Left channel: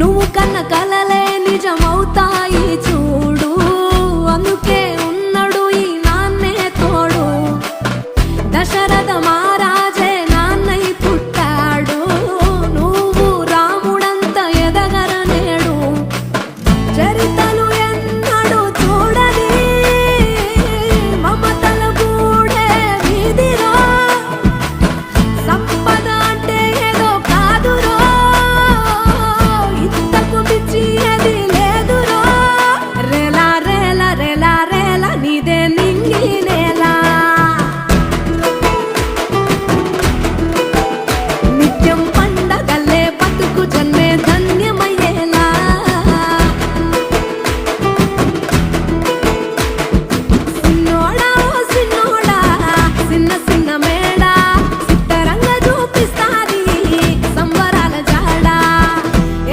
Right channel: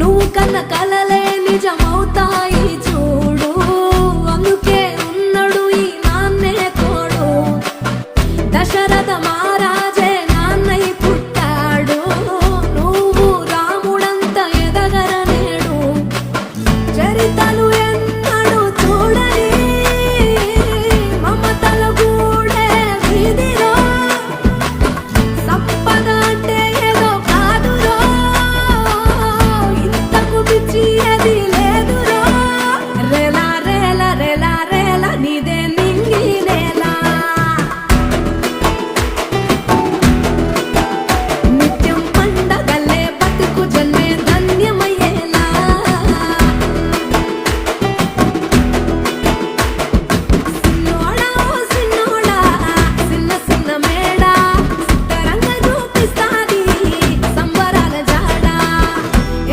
నువ్వు కన్న కలలే నిజమవుతాయి చూడు, అందుకే ఉన్నాడు ఈ నాన్నే తోడు. దశరథ మహారాజే నాన్నై పుట్టాడు, నువ్వు రాముడంత ఎదగ